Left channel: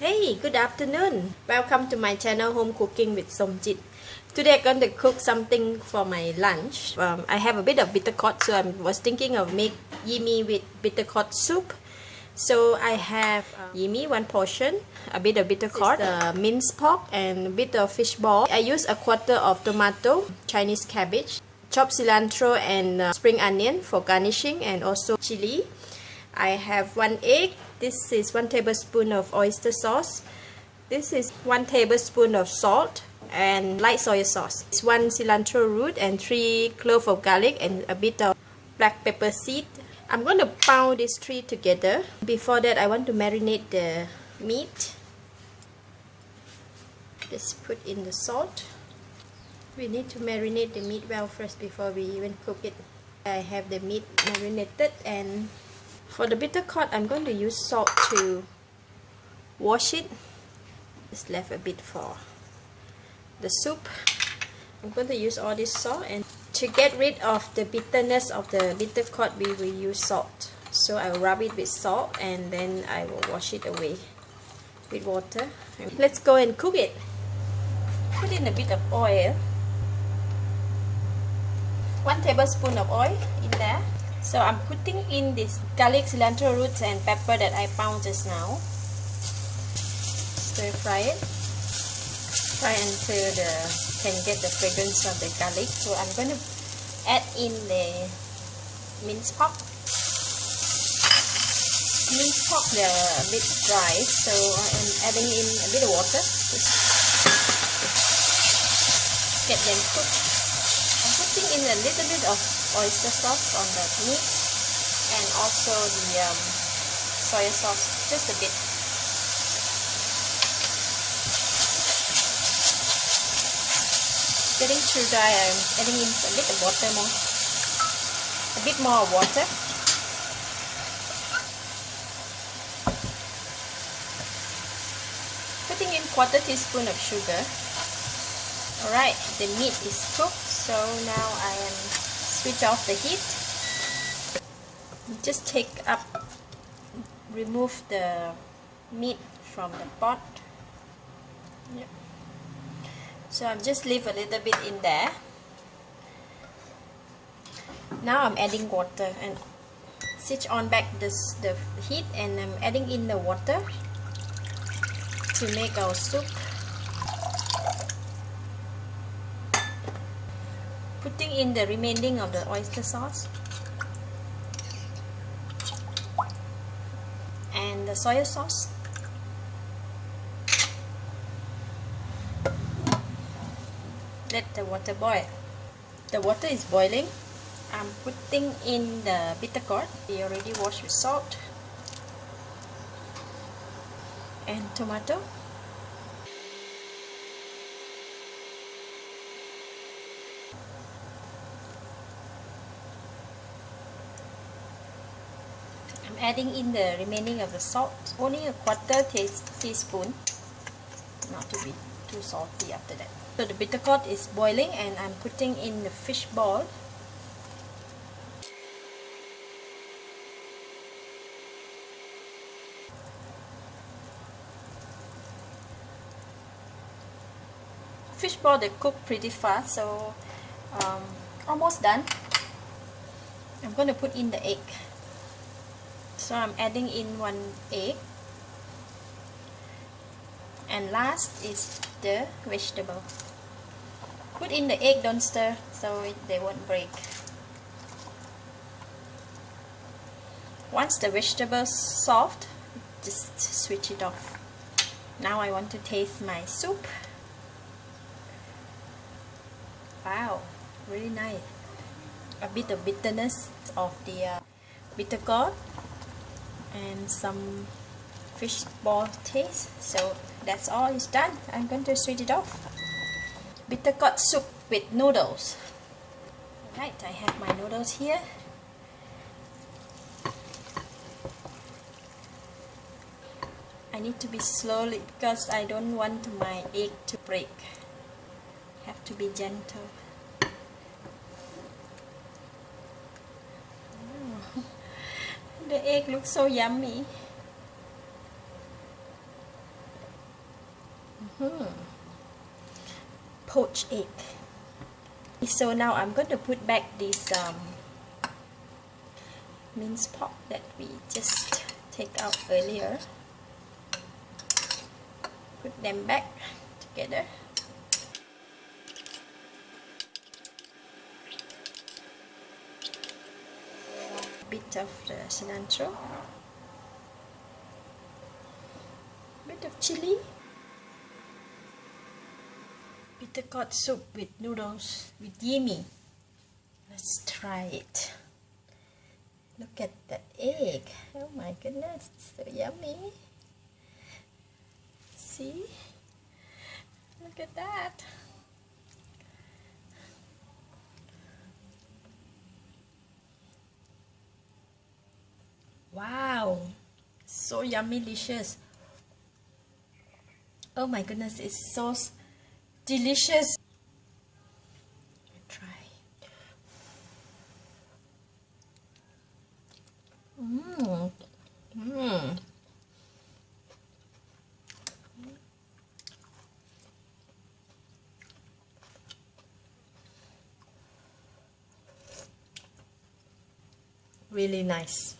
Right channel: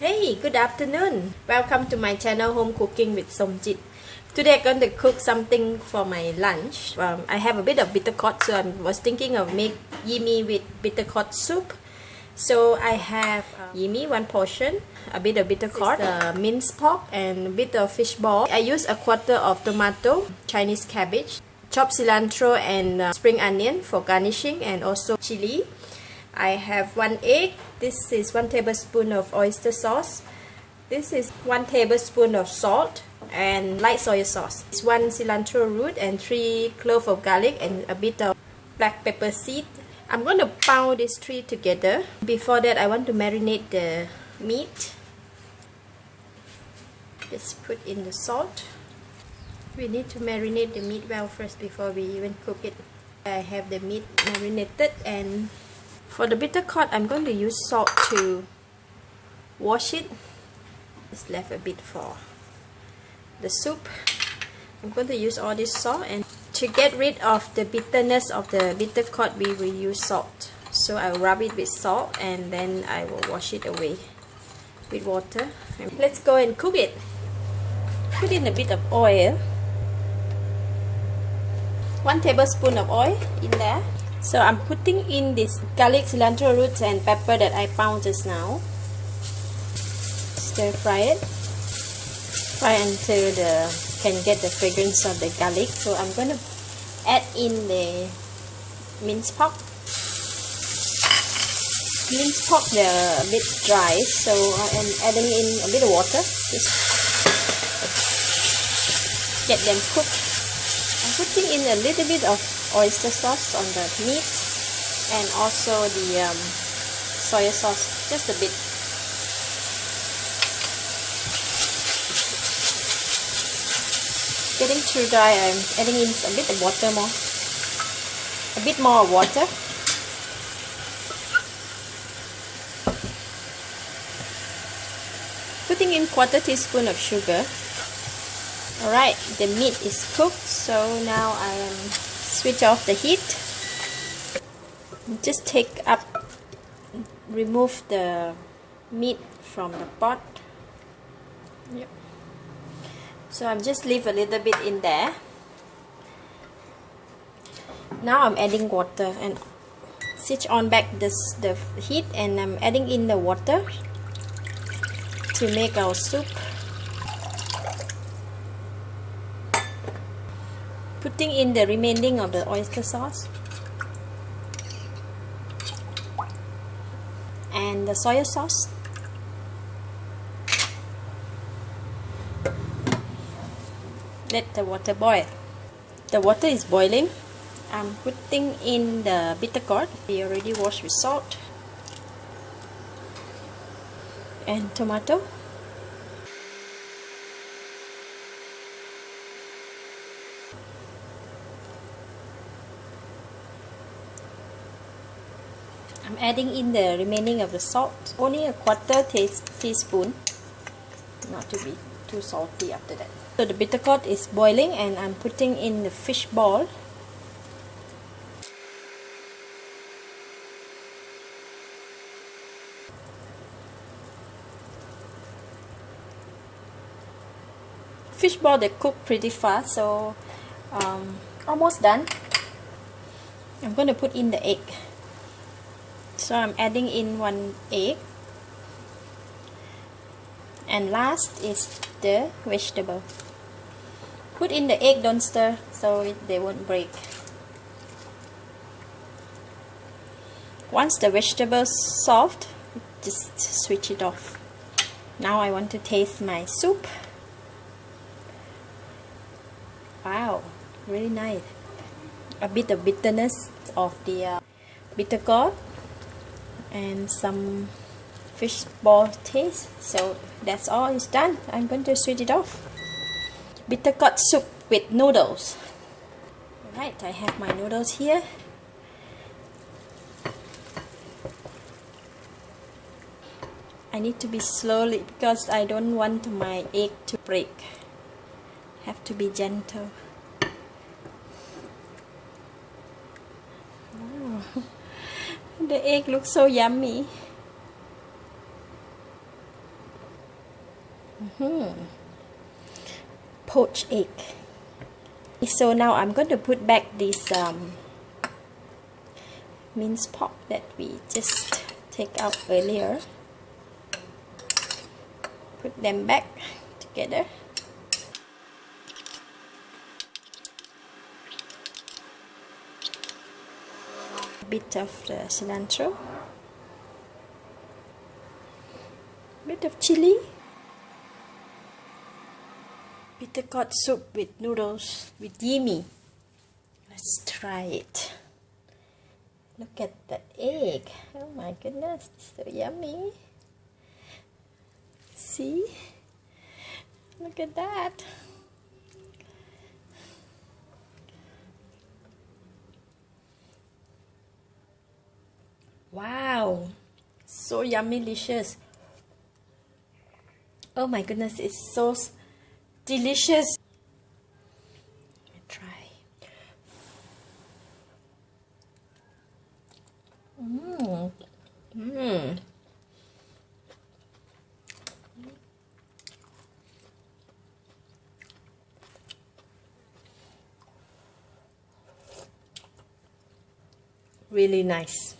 Hey, good afternoon. Welcome to my channel Home Cooking with Somjit. Today I'm going to cook something for my lunch. I have a bit of bitter gourd, so I was thinking of make Yee Mee with bitter gourd soup. So I have Yee Mee, 1 portion, a bit of bitter gourd, minced pork, and a bit of fish ball. I use a quarter of tomato, Chinese cabbage, chopped cilantro and spring onion for garnishing, and also chili. I have 1 egg. This is 1 tablespoon of oyster sauce. This is 1 tablespoon of salt and light soy sauce. It's 1 cilantro root and 3 cloves of garlic and a bit of black pepper seed. I'm going to pound these 3 together. Before that, I want to marinate the meat. Just put in the salt. We need to marinate the meat well first before we even cook it. I have the meat marinated, and for the bitter gourd, I'm going to use salt to wash it. Just left a bit for the soup. I'm going to use all this salt, and to get rid of the bitterness of the bitter gourd, we will use salt. So I'll rub it with salt and then I will wash it away with water. And let's go and cook it. Put in a bit of oil. 1 tablespoon of oil in there. So I'm putting in this garlic, cilantro roots and pepper that I pound just now. Stir fry it. Fry until can get the fragrance of the garlic. So I'm going to add in the minced pork. Minced pork, they're a bit dry, so I'm adding in a bit of water. Just get them cooked. I'm putting in a little bit of oyster sauce on the meat and also the soy sauce, just a bit. Getting too dry, I'm adding in a bit of water more. A bit more water. Putting in 1/4 teaspoon of sugar. Alright, the meat is cooked, so now I'll switch off the heat. Just remove the meat from the pot. Yep. So I'm just leave a little bit in there. Now I'm adding water and switch on back the heat, and I'm adding in the water to make our soup. Putting in the remaining of the oyster sauce and the soy sauce. Let the water boil. The water is boiling. I'm putting in the bitter gourd. We already washed with salt and tomato. I'm adding in the remaining of the salt, only a 1/4 teaspoon, not to be too salty after that. So the bitter gourd is boiling, and I'm putting in the fish ball. Fish ball, they cook pretty fast, so almost done. I'm going to put in the egg. So I'm adding in 1 egg, and last is the vegetable. Put in the egg, don't stir, so they won't break. Once the vegetables soft, just switch it off. Now I want to taste my soup. Wow, really nice. A bit of bitterness of the bitter gourd and some fish ball taste. So that's all is done. I'm going to switch it off. Bitter gourd soup with noodles. Right, I have my noodles here. I need to be slowly because I don't want my egg to break. Have to be gentle. The egg looks so yummy. Poached egg. So now I'm going to put back this minced pork that we just take out earlier. Put them back together. A bit of the cilantro. Bit of chili. Bitter gourd soup with noodles with Yee Mee. Let's try it. Look at that egg. Oh my goodness, so yummy. See? Look at that. Wow, so yummy, delicious. Oh my goodness, it's so delicious. Let me try. Really nice.